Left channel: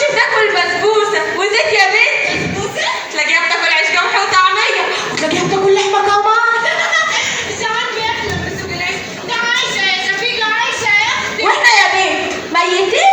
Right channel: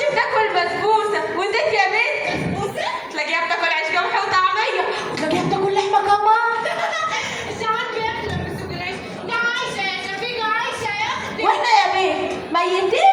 كانتش بتاكل بسبوسه وزيت يا بنت. بسبوسه؟ تلاقيها بتاكل عيش قمح وطعميه وتلاقيها بتاكل لحمه كمان. مش عارفه ياكلوا بس بالعيش. ده عايشه يا شفيقه، عايشه يا اختي. واحنا يا بنت ميتين.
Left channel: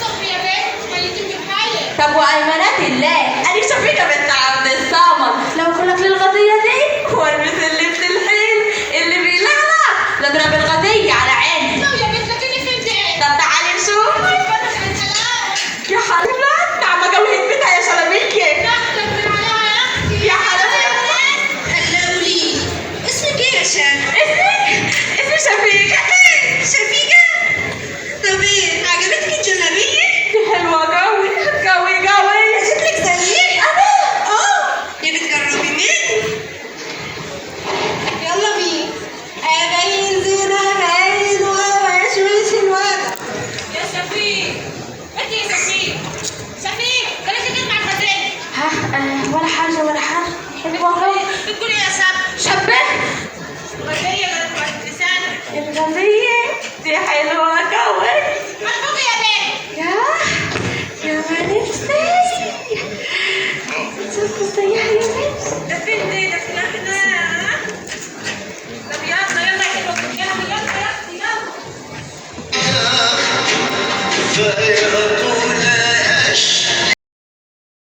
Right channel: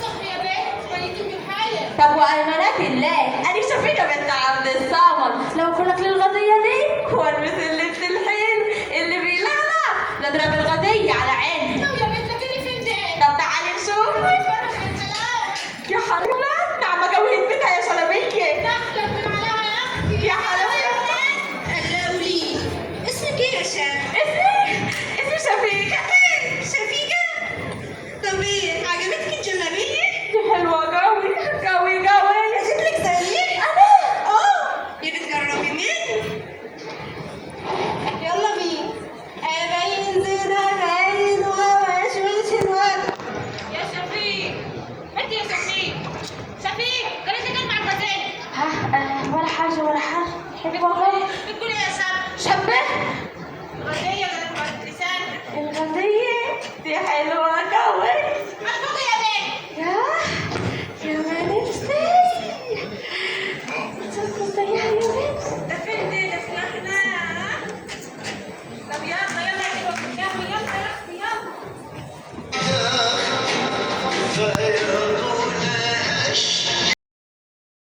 صبي يا بنت، ميتين بحالك. طب وايمانات الله انا شفيقه بنت عبد الصمد لو كلك للغديه دي والبس اللبس الحلو اللي بيلعلع نضرب الغديه على عيني. لو يا بنت لكني في البيت. طب تعالي نشوف. اتفرج على الحلاوه. يا حلاوه نعمه جوهت بيتها يا شلبيكي. داخله بالعلاوه يا اختي. يا حلاوه. هلا قولي لي اسمك ايه يا شان؟ اسمي شفيقه. شفيقه؟ طب ايه عجبتك الجلابيه؟ دي حلوه قوي قوي قوي. شكلك زيي. يا بتجربي مني. يلا بينا. ابين زينها حلوه واشوش الوضع. يا شفيق انت يا شفيق. شفيق خليك تكلم مع الغزال. ولا حاجه ولا حاجه. بتقولي يا شب. شبه غزيه قالت على لسانك. الغديه دي حلوه قوي. مبروك يا بنت. يا ما نفسي. صرت زيها يا بنت. ده فين